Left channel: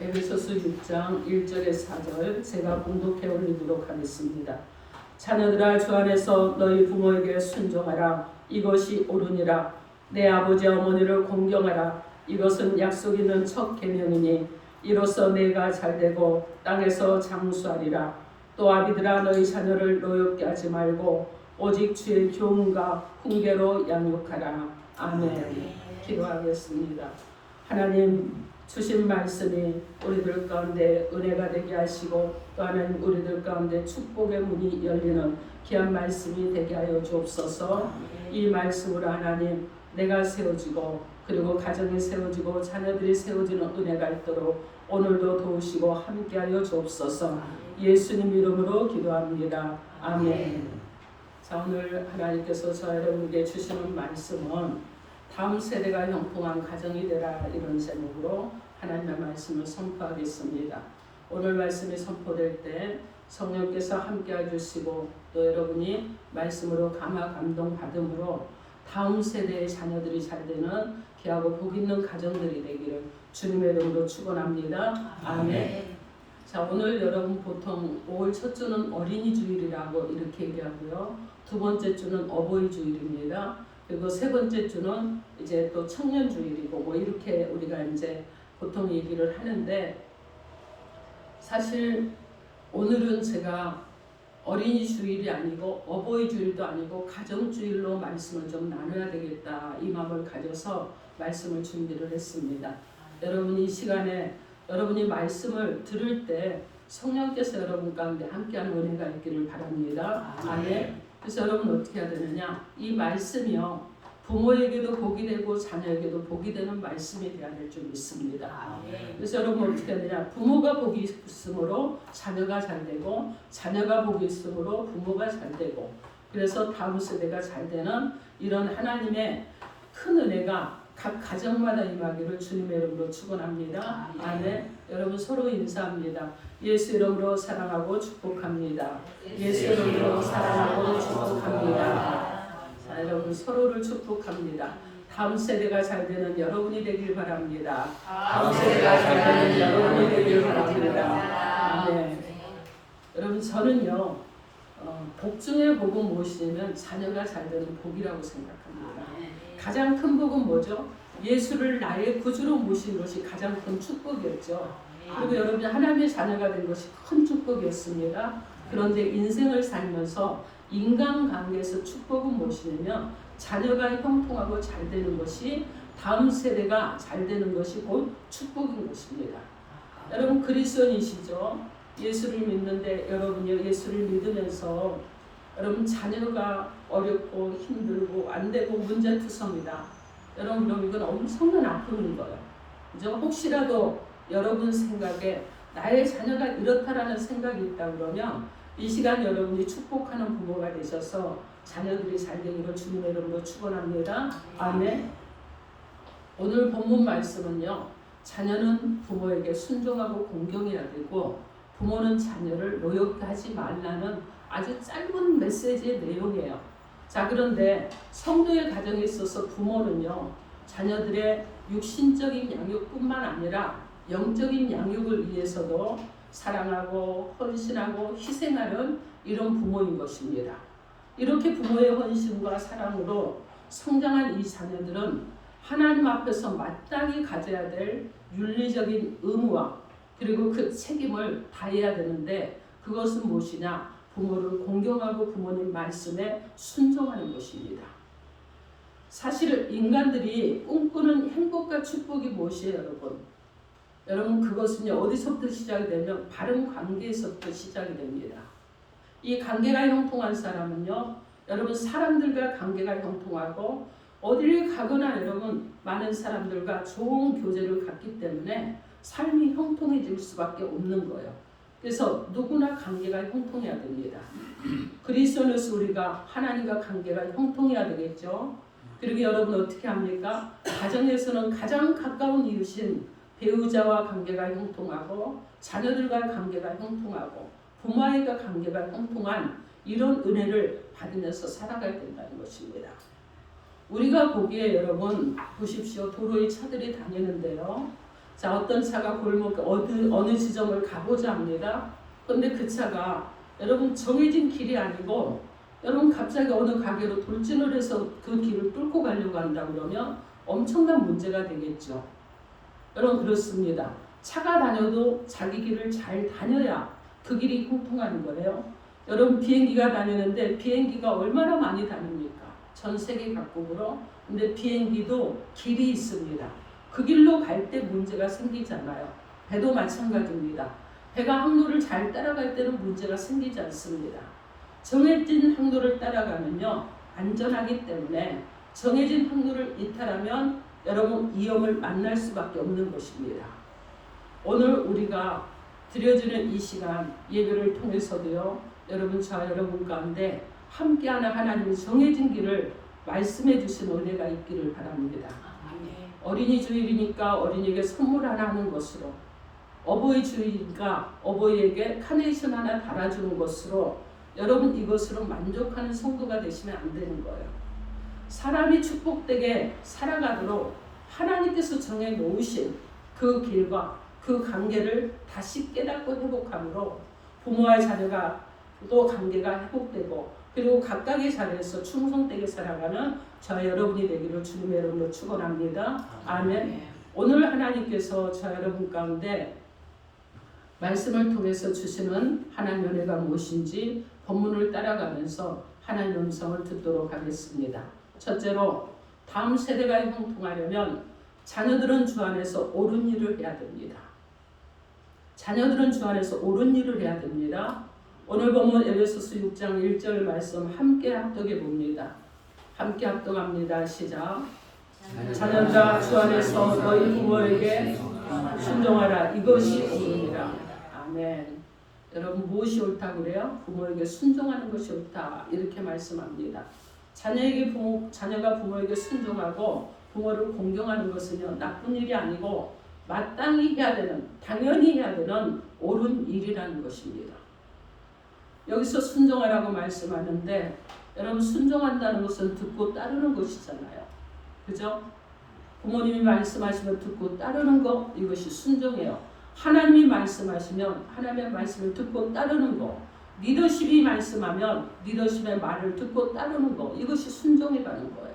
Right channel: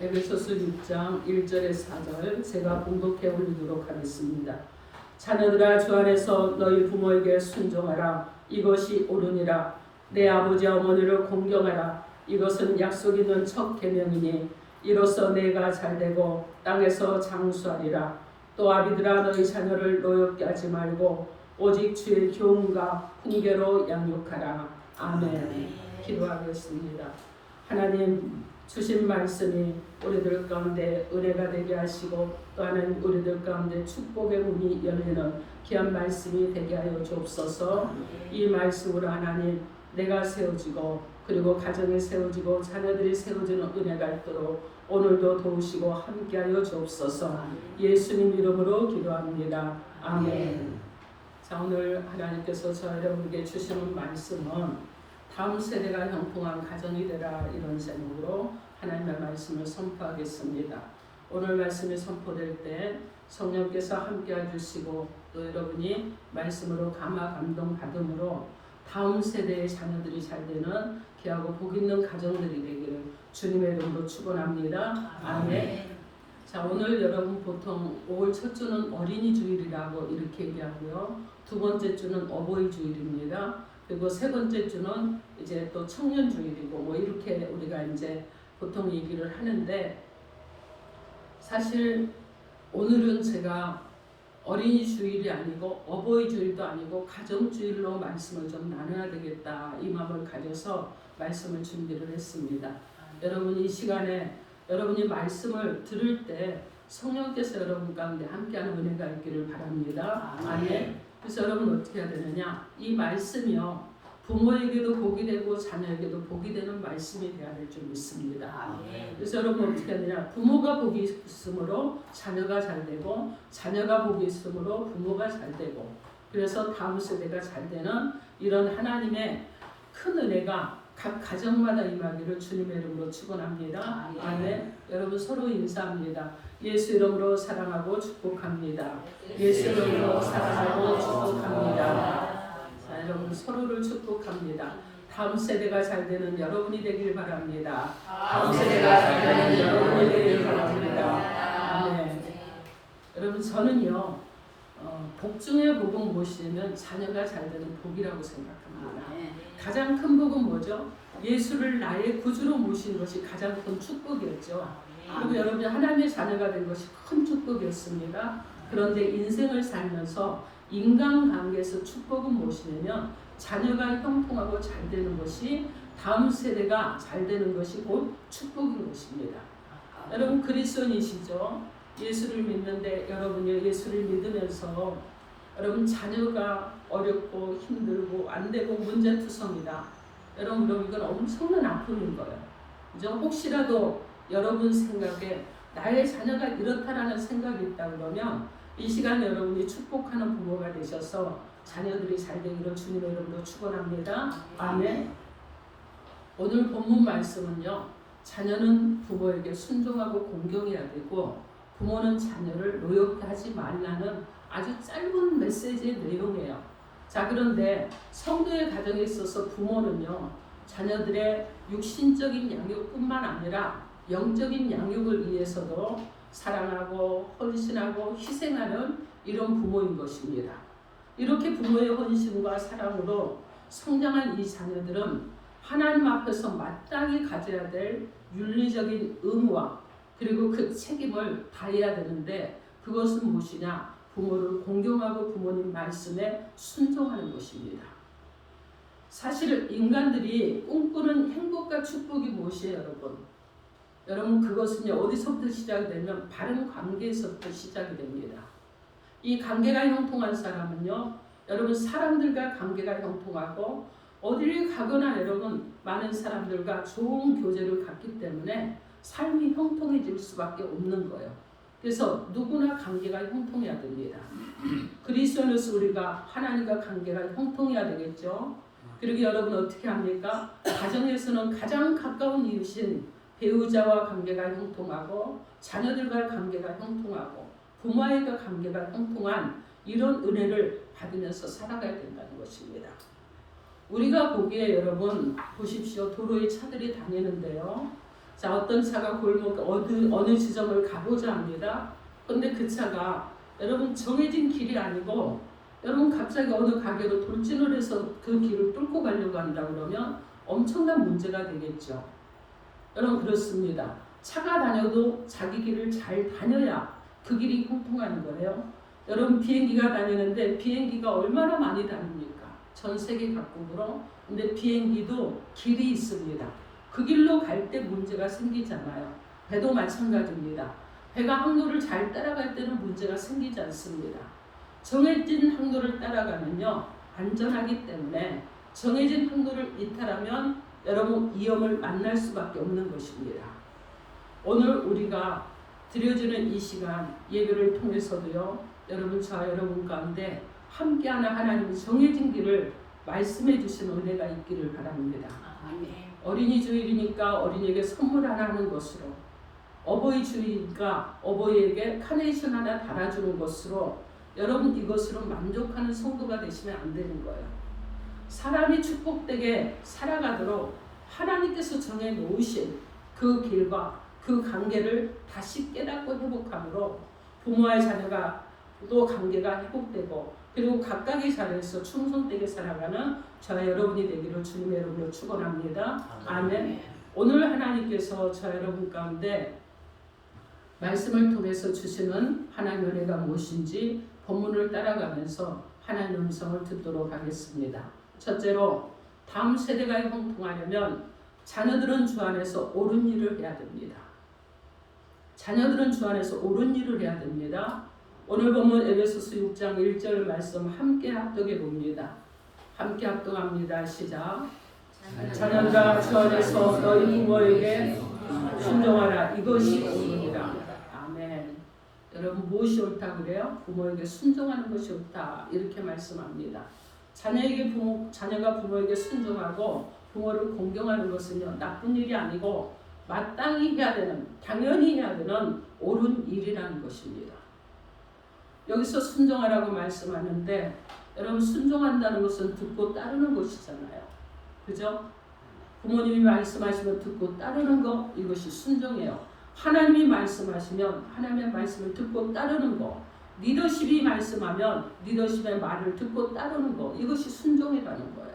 에베소서 6장 1절에서 4절 제가 봉독해 올리도록 하겠습니다. 자녀들아 주 안에서 너희 부모에게 순종하라. 이것이 옳으니라. 내 아버지 어머니를 공경하라. 이것은 약속 있는 첫 계명이니 이로써 내가 잘되고 땅에서 장수하리라. 또 아비들아 너희 자녀를 노엽게 하지 말고 오직 주의 교훈과 훈계로 양육하라. 아멘. 기도하겠습니다. 하나님 주신 말씀이 우리들 가운데 은혜가 되게 하시고 또한 우리들 가운데 축복의 문이 열리는 귀한 말씀이 되게 하여 주옵소서. 이 말씀으로 하나님 내가 세워지고 그리고 가정이 세워지고 자녀들이 세워지는 은혜가 있도록 오늘도 도우시고 함께하여 주옵소서. 예수님 이름으로 기도합니다. 아멘. 자, 오늘 하나님께서 저 여러분에게 주시는 말씀은 다음 세대가 형통한 가정이 되라 이런 제목으로 하나님의 말씀을 선포하겠습니다. 오늘 말씀이 선포될 때 성령께서 함께 해주시고 또 여러분이 말씀으로 감화 감동 받음으로 다음 세대의 자녀들이 잘 되는 귀하고 복 있는 가정들이 되기를 주님의 이름으로 축원합니다. 아멘. 자, 오늘 여러분 보통 5월 첫 주는 어린이 주일이라고 이렇게 얘기하고요. 두 번째 주는 어버이 주일입니다. 그리고 세 번째 주는 이제 또 청년 주일이고 뭐 이렇게 우리가 이제 보통 얘기를 하는데, 사실 오늘은 제가 어린이 주일이 아니고 어버이 주일도 아니고 가정 주일로 말씀을 좀 나눠야 되겠다 이 마음을 가져서 말씀을 준비를 했습니다. 여러분이 이 시간에 여러분이 말씀을 들을 때 성령께서 여러분 가운데 함께하는 은혜가 있기를 바랍니다. 아멘. 그래서 여러분 어떻게 해야 되느냐? 이 말씀이요 부모에게도 복이 되고 자녀에게도 복이 되는 말씀이 되어야 될 줄 믿습니다. 그래서 여러분 어떻게 해야 되냐? 부모가 복이 있으므로 자녀가 잘 되고 자녀가 복이 있으므로 부모가 잘 되고, 그래서 다음 세대가 잘 되는 이런 하나님의 큰 은혜가 각 가정마다 임하기를 주님의 이름으로 축원합니다. 아멘. 여러분 서로 인사합니다. 예수 이름으로 사랑하고 축복합니다. 예수 이름으로 사랑하고 축복합니다. 자, 여러분 서로를 축복합니다. 다음 세대가 잘 되는 여러분이 되길 바랍니다. 다음 세대가 잘 되는 여러분이 되길 바랍니다. 아멘. 여러분 저는요 복 중에 복은 무엇이냐면 자녀가 잘 되는 복이라고 생각합니다. 가장 큰 복은 뭐죠? 예수를 나의 구주로 모신 것이 가장 큰 축복이었죠. 그리고 여러분이 하나님의 자녀가 된 것이 큰 축복이었습니다. 그런데 인생을 살면서 인간관계에서 축복은 무엇이냐면 자녀가 형통하고 잘 되는 것이, 다음 세대가 잘 되는 것이 곧 축복인 것입니다. 여러분 그리스도인이시죠? 예수를 믿는데 여러분이 예수를 믿으면서 여러분 자녀가 어렵고 힘들고 안 되고 문제투성이다. 여러분 그럼 이건 엄청난 아픔인 거예요. 그죠? 혹시라도 여러분 생각에 나의 자녀가 이렇다라는 생각이 있다 그러면 이 시간 여러분이 축복하는 부모가 되셔서 자녀들이 잘 되기를 주님의 이름으로 축원합니다. 아멘. 오늘 본문 말씀은요. 자녀는 부모에게 순종하고 공경해야 되고 부모는 자녀를 노엽게 하지 말라는 아주 짧은 메시지의 내용이에요. 자, 그런데 성도의 가정에 있어서 부모는요. 자녀들의 육신적인 양육뿐만 아니라 영적인 양육을 위해서도 사랑하고 헌신하고 희생하는 이런 부모인 것입니다. 이렇게 부모의 헌신과 사랑으로 성장한 이 자녀들은 하나님 앞에서 마땅히 가져야 될 윤리적인 의무와 그리고 그 책임을 다해야 되는데, 그것은 무엇이냐? 부모를 공경하고 부모님 말씀에 순종하는 것입니다. 사실 인간들이 꿈꾸는 행복과 축복이 무엇이에요, 여러분? 여러분 그것은요 어디서부터 시작이 되면 바른 관계에서부터 시작이 됩니다. 이 관계가 형통한 사람은요, 여러분 사람들과 관계가 형통하고 어디를 가거나 여러분 많은 사람들과 좋은 교제를 갖기 때문에 삶이 형통해질 수밖에 없는 거예요. 그래서 누구나 관계가 형통해야 됩니다. 그리스도인으로서 우리가 하나님과 관계가 형통해야 되겠죠. 그리고 여러분 어떻게 합니까? 가정에서는 가장 가까운 이웃인 배우자와 관계가 형통하고 자녀들과 관계가 형통하고 부모와의 관계가 형통한 이런 은혜를 받으면서 살아가야 된다는 것입니다. 우리가 보기에 여러분 보십시오. 도로에 차들이 다니는데요. 자, 어떤 차가 골목 어느 지점을 가고자 합니다. 그런데 그 차가 여러분 정해진 길이 아니고 여러분 갑자기 어느 가게로 돌진을 해서 그 길을 뚫고 가려고 한다 그러면 엄청난 문제가 되겠죠. 여러분 그렇습니다. 차가 다녀도 자기 길을 잘 다녀야 그 길이 형통하는 거예요. 여러분 비행기가 다니는데 비행기가 얼마나 많이 다닙니까? 전 세계 각국으로. 근데 비행기도 길이 있습니다. 그 길로 갈 때 문제가 생기잖아요. 배도 마찬가지입니다. 배가 항로를 잘 따라갈 때는 문제가 생기지 않습니다. 정해진 항로를 따라가면요 안전하기 때문에 정해진 항로를 이탈하면 여러분 위험을 만날 수밖에 없는 것입니다. 오늘 우리가 드려지는 이 시간 예배를 통해서도요 여러분 저와 여러분 가운데 함께하는 하나님의 정해진 길을 말씀해 주신 은혜가 있기를 바랍니다. 어린이 주일이니까 어린이에게 선물 하나 하는 것으로, 어버이 주일이니까 어버이에게 카네이션 하나 달아주는 것으로 여러분 이것으로 만족하는 성도가 되시면 안 되는 거예요. 사람이 축복되게 살아가도록 하나님께서 정해 놓으신 그 길과 그 관계를 다시 깨닫고 회복함으로 부모와 자녀가 또 관계가 회복되고 그리고 각각의 자리에서 충성되게 살아가는 저와 여러분이 되기를 주님의 이름으로 축원합니다. 아멘. 오늘 하나님께서 저와 여러분 가운데 말씀을 통해서 주시는 하나님의 은혜가 무엇인지 본문을 따라가면서 하나님의 음성을 듣도록 하겠습니다. 첫째로 다음 세대가 형통하려면 자녀들은 주 안에서 옳은 일을 해야 됩니다. 자녀들은 주 안에서 옳은 일을 해야 됩니다. 오늘 보면 에베소서 6장 1절 말씀 함께 합독해 봅니다. 함께 합독합니다. 시작. 자녀들아 주 안에서 너희 부모에게 순종하라. 이것이 옳으니라. 아멘. 여러분 무엇이 옳다 그래요? 부모에게 순종하는 것이 옳다. 이렇게 말씀합니다. 자녀가 부모에게 순종하고 부모를 공경하는 것은요 나쁜 일이 아니고 마땅히 해야 되는, 당연히 해야 되는 옳은 일이라는 것입니다. 여기서 순종하라고 말씀하는데 여러분 순종한다는 것은 듣고 따르는 것이잖아요. 그죠? 부모님이 말씀하시면 듣고 따르는 거, 이것이 순종이에요. 하나님이 말씀하시면 하나님의 말씀을 듣고 따르는 거, 리더십이 말씀하면 리더십의 말을 듣고 따르는 거, 이것이 순종이라는 거예요.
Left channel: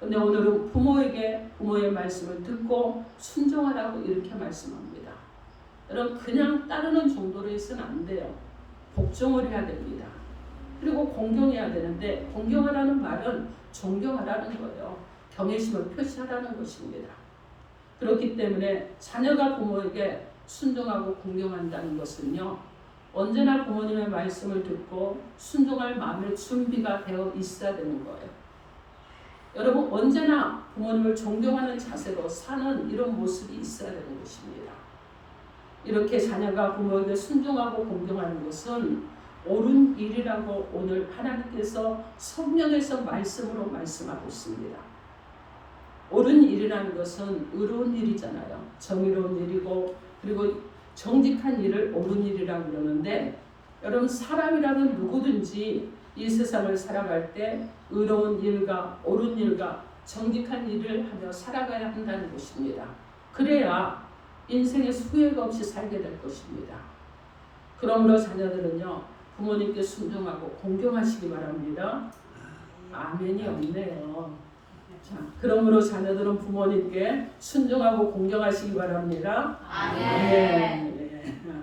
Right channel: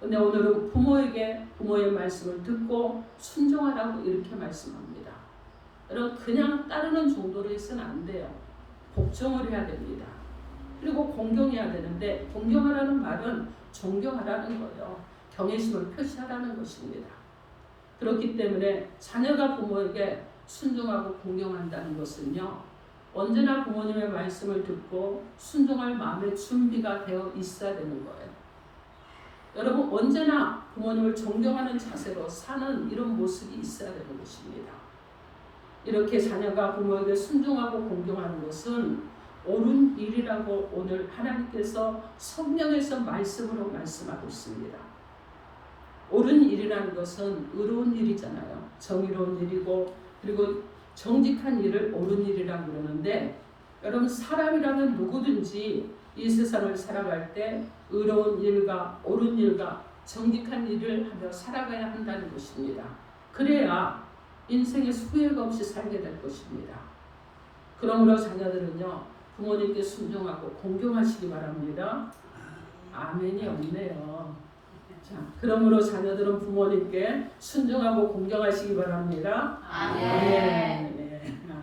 근데 오늘은 부모에게 부모의 말씀을 듣고 순종하라고 이렇게 말씀합니다. 여러분 그냥 따르는 정도로 해서는 안 돼요. 복종을 해야 됩니다. 그리고 공경해야 되는데 공경하라는 말은 존경하라는 거예요. 경외심을 표시하라는 것입니다. 그렇기 때문에 자녀가 부모에게 순종하고 공경한다는 것은요. 언제나 부모님의 말씀을 듣고 순종할 마음의 준비가 되어 있어야 되는 거예요. 여러분 언제나 부모님을 존경하는 자세로 사는 이런 모습이 있어야 되는 것입니다. 이렇게 자녀가 부모에게 순종하고 공경하는 것은 옳은 일이라고 오늘 하나님께서 성령에서 말씀으로 말씀하고 있습니다. 옳은 일이라는 것은 의로운 일이잖아요. 정의로운 일이고 그리고 정직한 일을 옳은 일이라고 그러는데 여러분 사람이라면 누구든지 이 세상을 살아갈 때 의로운 일과 옳은 일과 정직한 일을 하며 살아가야 한다는 것입니다. 그래야 인생에 후회가 없이 살게 될 것입니다. 그러므로 자녀들은요 부모님께 순종하고 공경하시기 바랍니다. 아멘이 없네요. 자, 그러므로 자녀들은 부모님께 순종하고 공경하시기 바랍니다. 아멘.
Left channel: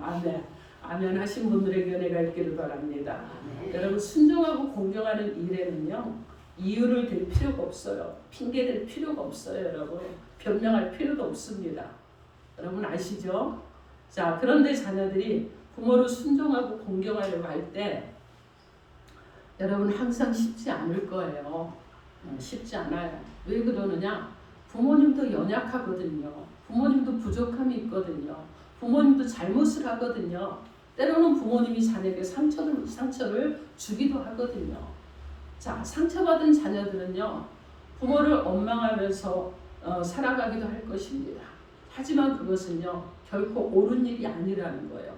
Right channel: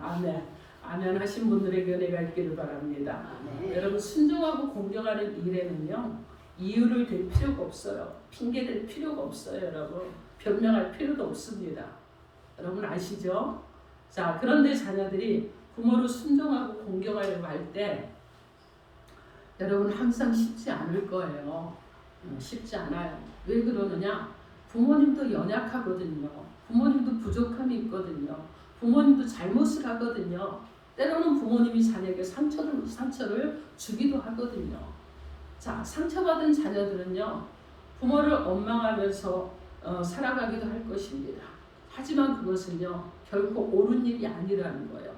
아멘. 아멘. 아멘 하신 분들에게 은혜가 있기를 바랍니다. 아멘. 여러분 순종하고 공경하는 일에는요 이유를 댈 필요가 없어요. 핑계 댈 필요가 없어요. 여러분 변명할 필요도 없습니다. 여러분 아시죠? 자 그런데 자녀들이 부모를 순종하고 공경하려고 할 때 여러분 항상 쉽지 않을 거예요. 쉽지 않아요. 왜 그러느냐? 부모님도 연약하거든요. 부모님도 부족함이 있거든요. 부모님도 잘못을 하거든요. 때로는 부모님이 자녀에게 상처를 주기도 하거든요. 자, 상처받은 자녀들은요, 부모를 원망하면서 살아가기도 할 것입니다. 하지만 그것은요, 결코 옳은 일이 아니라는 거예요.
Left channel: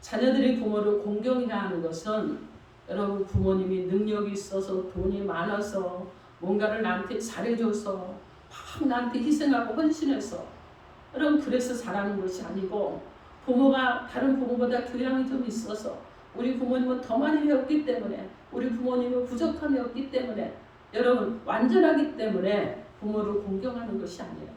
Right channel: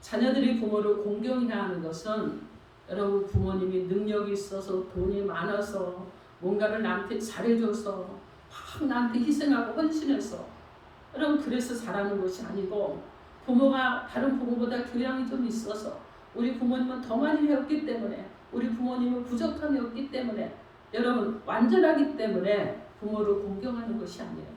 자녀들이 부모를 공경해야 하는 것은 여러분 부모님이 능력이 있어서 돈이 많아서 뭔가를 나한테 잘해줘서 막 나한테 희생하고 헌신해서 여러분 그래서 잘하는 것이 아니고 부모가 다른 부모보다 교양이 좀 있어서 우리 부모님은 더 많이 배웠기 때문에 우리 부모님은 부족함이 없기 때문에 여러분 완전하기 때문에 부모를 공경하는 것이 아니에요.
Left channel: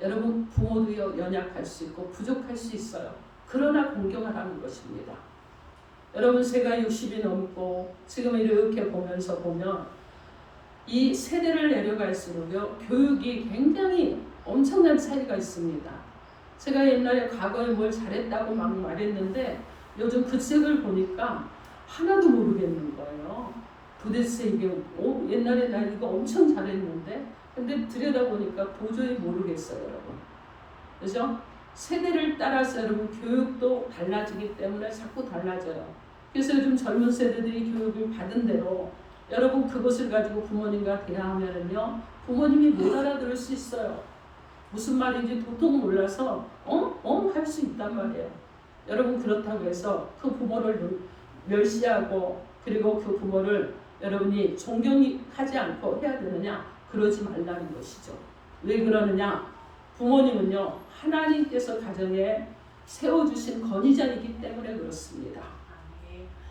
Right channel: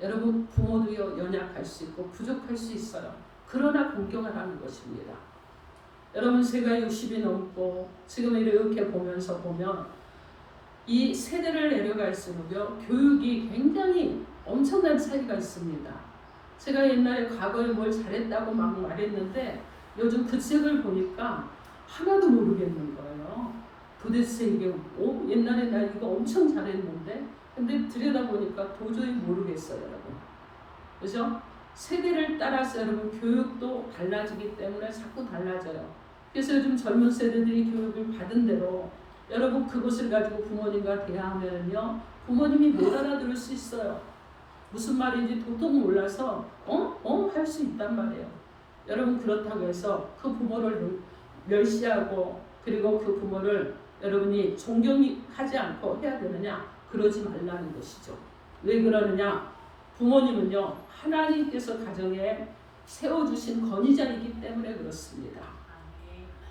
여러분 부모도요 연약할 수 있고 부족할 수 있어요. 그러나 공경하라는 것입니다. 여러분 제가 60이 넘고 지금 이렇게 보면서 보면 이 세대를 내려갈수록요 교육이 굉장히 엄청난 차이가 있습니다. 제가 옛날에 과거에 뭘 잘했다고 막 말했는데 요즘 그 책을 보니까 하나도 모르겠는 거예요. 도대체 이게 옛날에 나 이거 엄청 잘했는데 근데 들여다보니까 도저히 모르겠어요, 여러분. 그죠? 세대를 따라서 여러분 교육도 달라지기 때문에 자꾸 달라져요. 그래서 요즘 젊은 세대들이 교육을 받은 대로 여러분 그것을 가지고 부모님과 대화하면요 부모님이 못 알아들을 수 있어요. 무슨 말인지 도통 몰라서 할 수 있단 말이에요. 여러분 그렇다고 해서 그 부모를 멸시하고 그리고 그 부모를 여러분이 존경하지 않고 해야 되느냐? 그러지 말라는 것이죠. 왜 그러느냐? 부모님은요 하나님께서 가정에 세워주신 건의자이기 때문에 그렇습니다.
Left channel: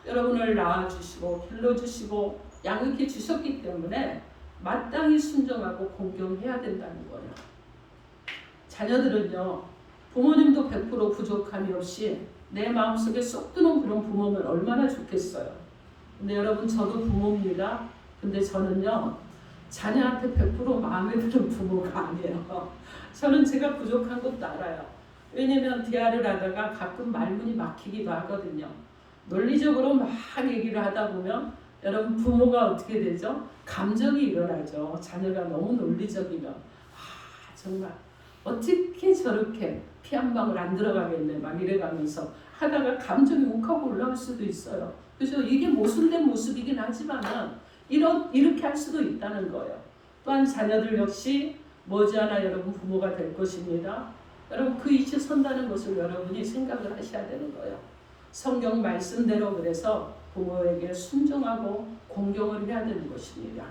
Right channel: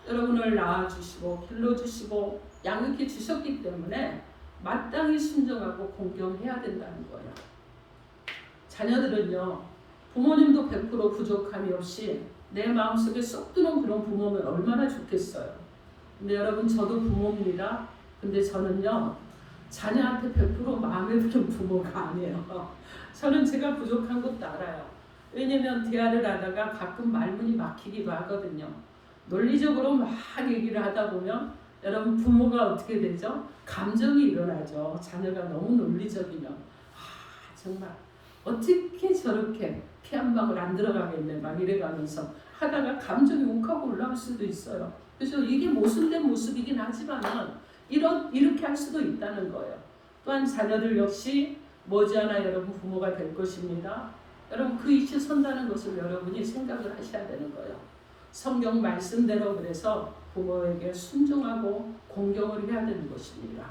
여러분을 낳아주시고 길러주시고 양육해 주셨기 때문에 마땅히 순종하고 공경해야 된다는 거예요. 자녀들은요 부모님도 100% 부족함이 없이 내 마음속에 쏙 드는 그런 부모면 얼마나 좋겠어요. 근데 여러분 저도 부모입니다. 근데 저는요 자녀한테 100% 마음에 드는 부모가 아니에요. 저는 제가 부족한 것도 알아요. 왜냐면 대화를 하다가 가끔 말문이 막히기도 하거든요. 논리적으로 막 얘기를 하다 보면 여러분 부모가 어떻게 되죠? 감정이 일어나죠. 자녀가 너무 논리적이면 정말 어떻게 저렇게 피 한 방울 안 들어가겠네 막 이래가면서 하다가 감정이 욱하고 올라올 수도 있어요. 그래서 이게 모순된 모습이긴 하지만은 이렇게 할 수도 있다는 거예요. 또한 자녀들 역시 머지않아 여러분 부모가 될 것입니다. 여러분 그 이치 선다는 것을 여러분이 생각을 하셔야 되는 거예요. 성경 말씀대로 그래서 부모에게 순종하고 공경을 해야 되는 것입니다.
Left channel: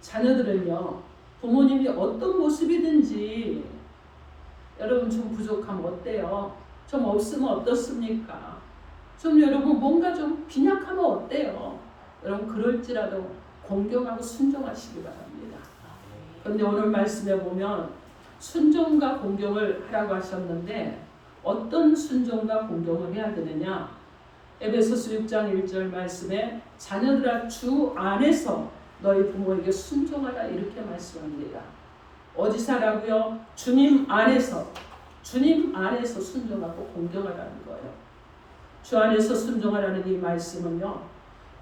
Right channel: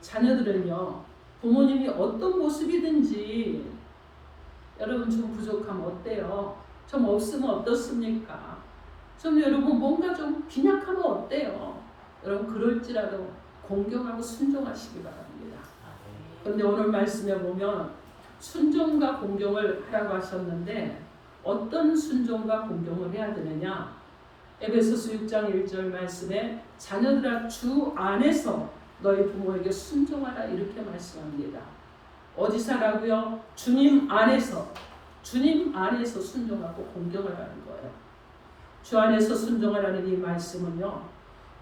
자녀들은요 부모님이 어떤 모습이든지 여러분 좀 부족하면 어때요? 좀 없으면 어떻습니까? 좀 여러분 뭔가 좀 빈약하면 어때요? 여러분 그럴지라도 공경하고 순종하시기 바랍니다. 그런데 오늘 말씀에 보면 순종과 공경을 하라고 하셨는데 어떤 순종과 공경을 해야 되느냐? 에베소서 6장 1절 말씀에 자녀들아 주 안에서 너희 부모에게 순종하라 이렇게 말씀합니다. 어디서 하라고요? 주님 안에서 순종하고 공경하라는 거예요. 주 안에서 순종하라는 이 말씀은요.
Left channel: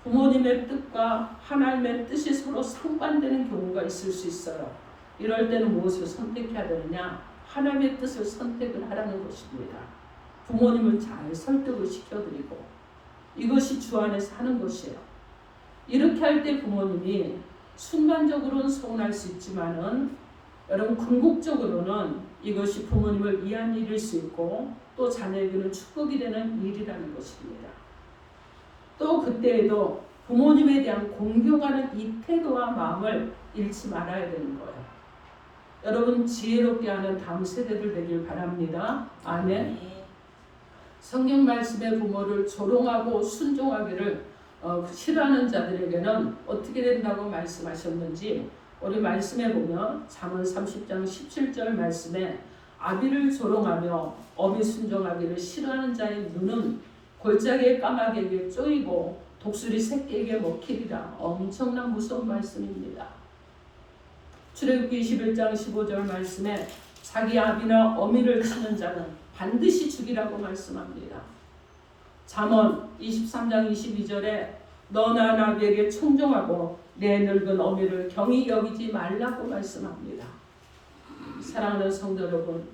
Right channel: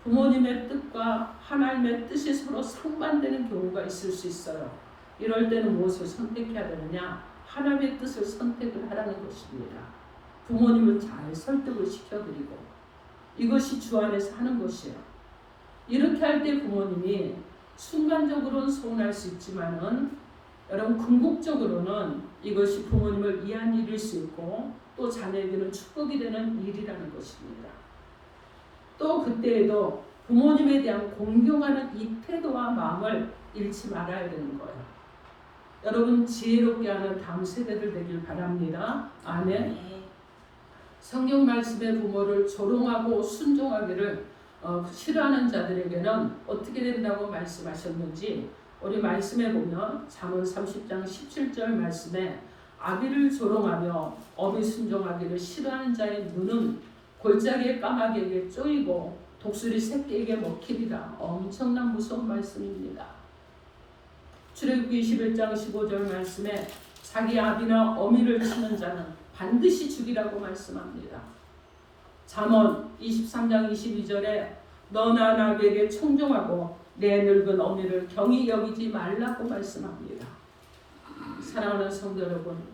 부모님의 뜻과 하나님의 뜻이 서로 상반되는 경우가 있을 수 있어요. 이럴 때는 무엇을 선택해야 되느냐? 하나님의 뜻을 선택을 하라는 것입니다. 부모님을 잘 설득을 시켜드리고 이것이 주 안에서 하는 것이에요. 이렇게 할 때 부모님이 순간적으로는 서운할 수 있지만은 여러분 궁극적으로는 이것이 부모님을 위한 일일 수 있고 또 자녀에게는 축복이 되는 일이라는 것입니다. 또 그때에도 부모님에 대한 공경하는 이 태도와 마음을 잃지 말아야 되는 거예요. 여러분 지혜롭게 하는 다음 세대들 되길 바랍니다. 아멘. 성경 말씀의 부모를 조롱하고 순종하기를 싫어하는 자들에게는 어떻게 된다고 말씀하셨는지 우리 말씀에 보면 잠언 30장 17절 말씀에 아비를 조롱하며 어미 순종하기를 싫어하는 자의 눈은 골짜기의 까마귀에게 쪼이고 독수리 새끼에게 먹히리라. 엄청난 무서운 말씀입니다. 출애굽기 21장 15절 말씀에 자기 아비나 어미를 치는 자는 반드시 죽이라고 말씀합니다. 잠언 23장 22절에 너나 나에게 충종하고 내 늙은 어미를 경히 여기지 말라고 말씀합니다. 사랑하는 성도 여러분,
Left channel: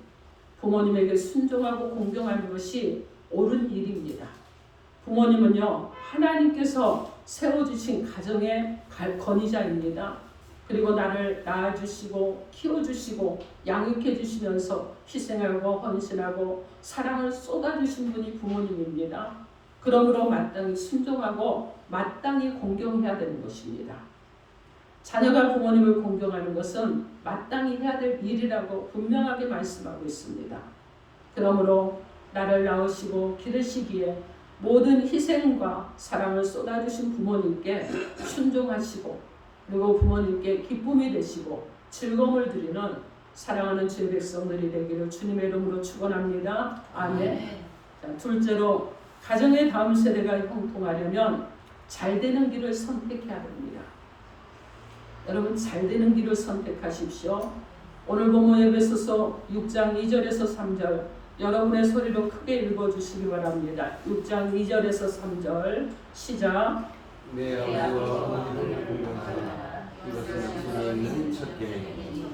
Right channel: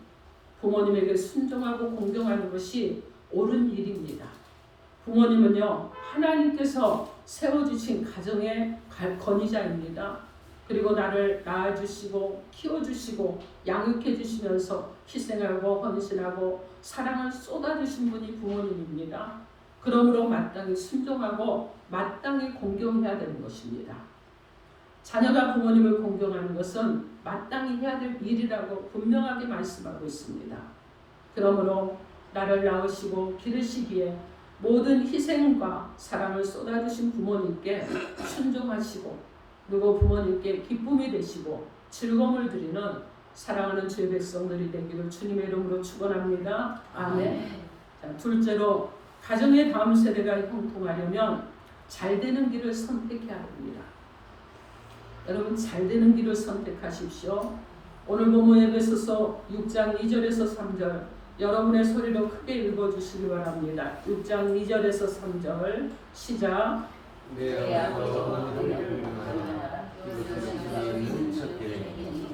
부모님에게 순종하고 공경하는 것이 옳은 일입니다. 부모님은요 하나님께서 세워주신 가정의 건의자입니다. 그리고 나를 낳아주시고 키워주시고 양육해 주시면서 희생하고 헌신하고 사랑을 쏟아주신 분이 부모님입니다. 그러므로 마땅히 순종하고 마땅히 공경해야 되는 것입니다. 자녀가 부모님을 공경하는 것은 마땅히 해야 될 일이라고 분명하게 말씀하고 있습니다. 그러므로 나를 낳으시고 기르시기에 모든 희생과 사랑을 쏟아주신 부모님께 순종하시고, 그리고 부모님께 기쁨이 되시고 즐거움을 드리는 사랑하는 주의 백성들이 되기를 주님의 이름으로 축원합니다. 아멘. 자, 둘째로, 가정의 다음 세대가 형통하려면 잘 되는 길을 선택해야 됩니다. 여러분, 잘 되는 길을 선택하십시오. 오늘 본문 에베소서 6장 2절에서 3절 여러분의 소리로 크게 읽어주시기 바랍니다. 6장 2절에서 3절 시작. 내 아버지와 이것은 하나님은 첫 계명이니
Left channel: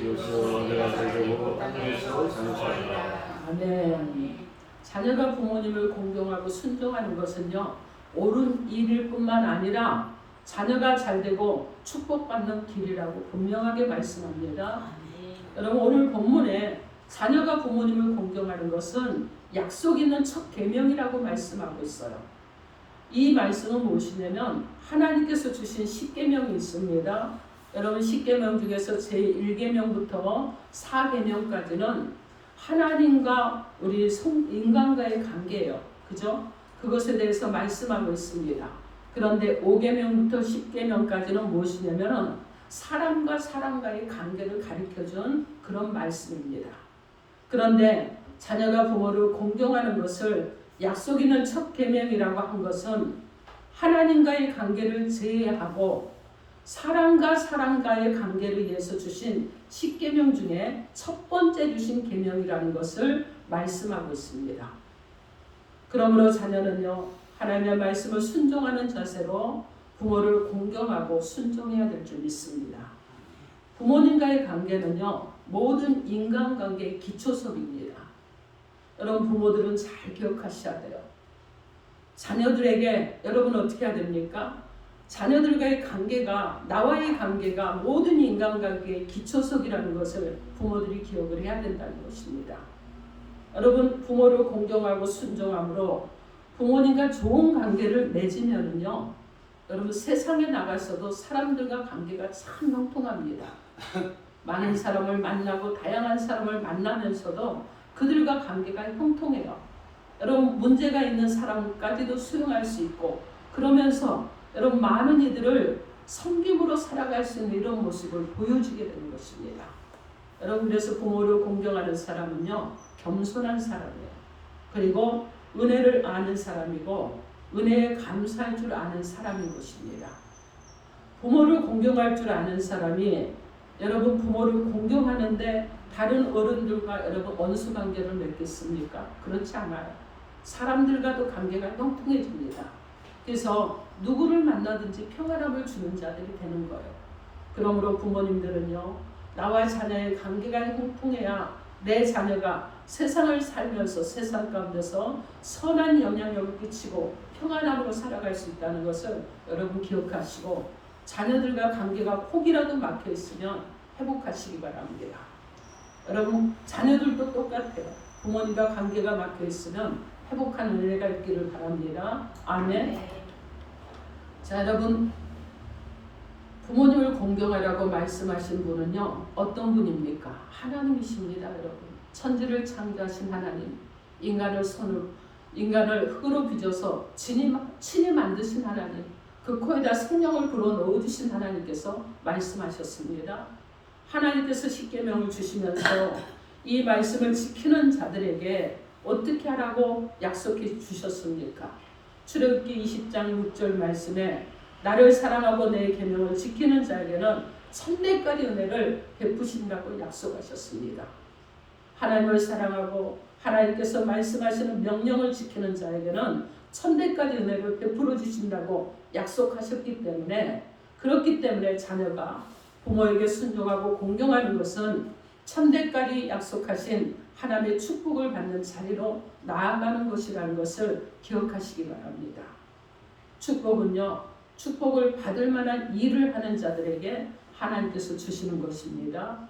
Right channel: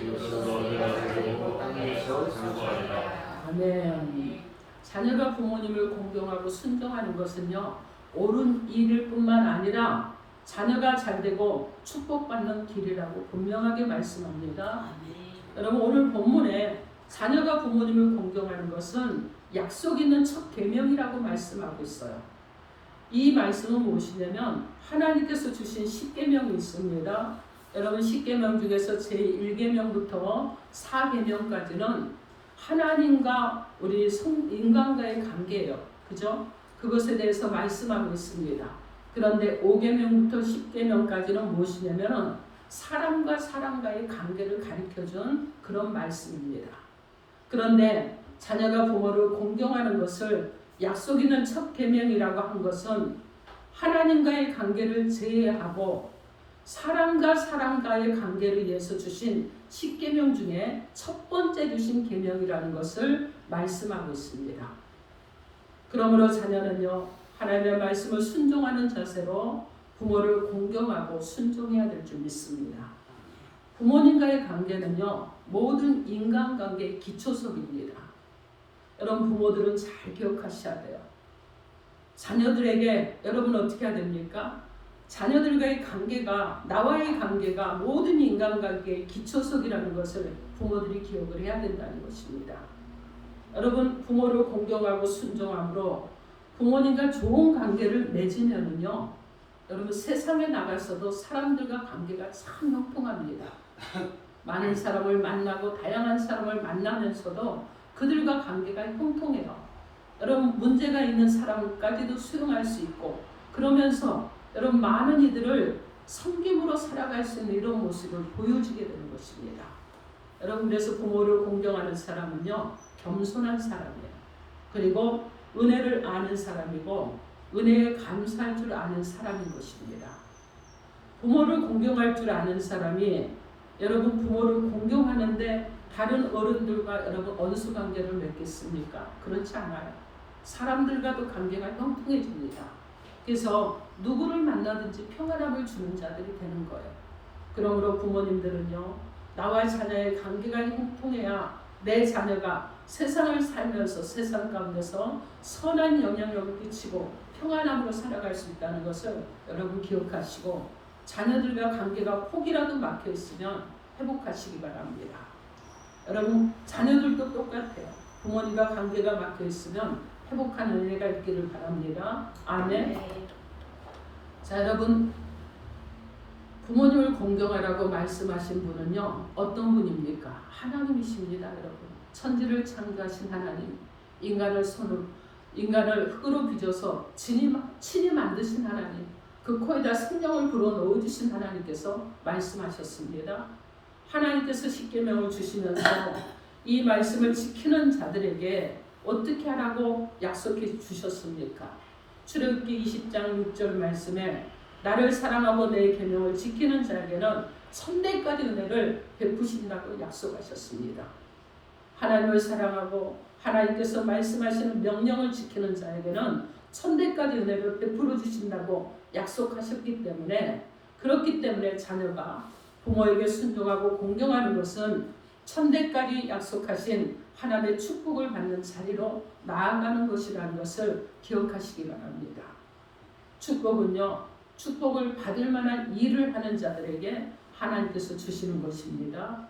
이것은 내가 되고 땅에서 장수하리라. 아멘. 자녀가 부모님을 공경하고 순종하는 것은요, 옳은 일일 뿐만 아니라 자녀가 잘되고 축복받는 길이라고 분명하게 말씀합니다. 여러분, 오늘 본문에 자녀가 부모님을 공경하는 것은 약속 있는 첫 계명이라고 말씀하고 있어요. 이 말씀은 무엇이냐면 하나님께서 주신 10계명이 있습니다. 여러분, 10계명 중에서 제1계명부터 4계명까지는 하나님과 우리 인간과의 관계예요. 그죠? 그것에 대해서 말씀하고 있습니다. 그런데 5계명부터 10계명까지는 무엇이냐면 사람과 사람과의 관계를 가르쳐준 그런 말씀입니다. 그런데 자녀가 부모를 공경하는 것을 약속 있는 첫 계명이라고 한 것은 하나님과의 관계를 제외하고 사람과 사람과의 관계를 위해서 주신 10계명 중에 첫 번째 주신 계명이라는 것을 말씀하고 있습니다. 그러므로 자녀는요, 하나님의 말씀을 순종하는 자세로 부모를 공경하고 순종해야 될 줄 믿습니다. 부모님과의 관계는요, 모든 인간관계의 기초석입니다. 여러분, 부모들은 잘 기억하셔야 돼요. 자녀들에게 여러분 어떻게 해야 됩니까? 자녀들과의 관계가, 나와의 관계가 모든 인간관계의 기초석이라는 것을 부모들이 기억을 해야 된다는 것입니다. 여러분, 부모를 공경하고 순종함으로 부모님과 좋은 관계를 맺으면요, 여러분 세상에 나가서도 사람들과 관계가 참 형통합니다. 많은 사람을 만나고 다양한 사람을 만나면서도 그들과 관계가 형통해요. 여러분, 문제가 있는 사람까지도 수용할 수 있고, 그러면서 여러분 많은 이들을 섬김으로 살아갈 수 있는 이런 모습을 보여주게 되는 것입니다. 여러분, 그래서 부모를 공경하는 사람은요, 겸손한 사람이에요. 그리고 은혜를 아는 사람이고 은혜에 감사할 줄 아는 사람인 것입니다. 부모를 공경할 줄 아는 사람이 여러분 부모를 공경하는데 다른 어른들과 여러분 원수 관계를 맺겠습니까? 그렇지 않아요. 사람들과도 관계가 형통해집니다. 그래서 누구를 만나든지 평안함을 주는 자들이 되는 거예요. 그러므로 부모님들은요, 나와 자녀의 관계가 형통해야 내 자녀가 세상을 살면서 세상 가운데서 선한 영향력을 끼치고 평안함으로 살아갈 수 있다는 것을 여러분 기억하시고, 자녀들과 관계가 혹이라도 막혀 있으면 회복하시기 바랍니다. 여러분, 자녀들도 똑같아요. 부모님과 관계가 막혀 있으면 회복하는 은혜가 있기를 바랍니다. 아멘. 자, 여러분, 부모님을 공경하라고 말씀하신 분은요, 어떤 분입니까? 하나님이십니다. 여러분, 천지를 창조하신 하나님, 인간을 흙으로 빚어서 친히 만드신 하나님, 그 코에다 생명을 불어 넣어주신 하나님께서 말씀하셨습니다. 하나님께서 십계명을 주시면서 이 말씀을 지키는 자들에게 어떻게 하라고 약속해 주셨습니까? 출애굽기 20장 6절 말씀에 나를 사랑하고 내 계명을 지키는 자에게는 천대까지 은혜를 베푸신다고 약속하셨습니다. 하나님을 사랑하고 하나님께서 말씀하시는 명령을 지키는 자에게는 천대까지 은혜를 베풀어 주신다고 약속하셨기 때문에, 그렇기 때문에 자녀가 부모에게 순종하고 공경하는 것은 천대까지 약속하신 하나님의 축복을 받는 자리로 나아가는 것이라는 것을 기억하시기 바랍니다. 축복은요, 축복을 받을 만한 일을 하는 자들에게 하나님께서 주시는 것입니다.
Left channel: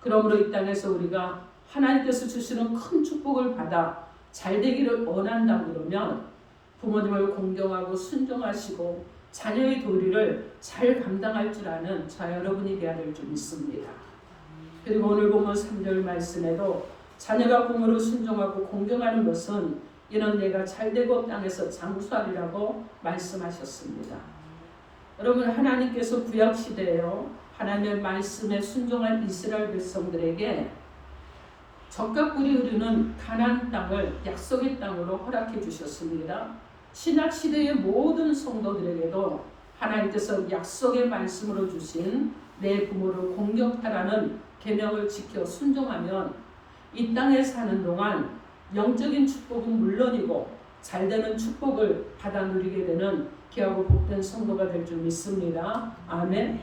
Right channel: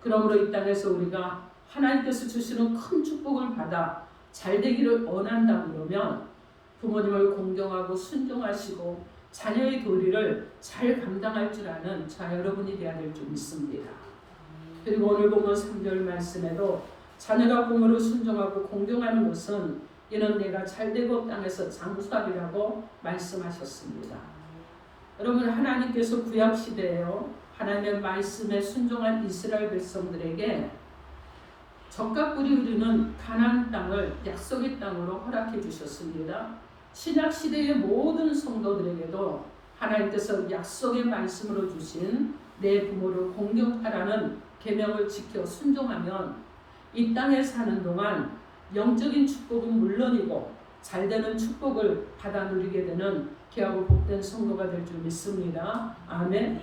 그러므로 이 땅에서 우리가 하나님께서 주시는 큰 축복을 받아 잘 되기를 원한다고 그러면 부모님을 공경하고 순종하시고 자녀의 도리를 잘 감당할 줄 아는 저 여러분이 되어야 될 줄 믿습니다. 그리고 오늘 보면 3절 말씀에도 자녀가 부모를 순종하고 공경하는 것은 이는 내가 잘되고 땅에서 장수하리라고 말씀하셨습니다. 여러분, 하나님께서 구약시대에요, 하나님의 말씀에 순종한 이스라엘 백성들에게 적과 꿀이 흐르는 가나안 땅을 약속의 땅으로 허락해 주셨습니다. 신약시대의 모든 성도들에게도 하나님께서 약속의 말씀으로 주신 내 부모를 공경하라는 계명을 지켜 순종하면 이 땅에 사는 동안 영적인 축복은 물론이고 잘되는 축복을 받아 누리게 되는 귀하고 복된 성도가 될 줄 믿습니다. 아멘.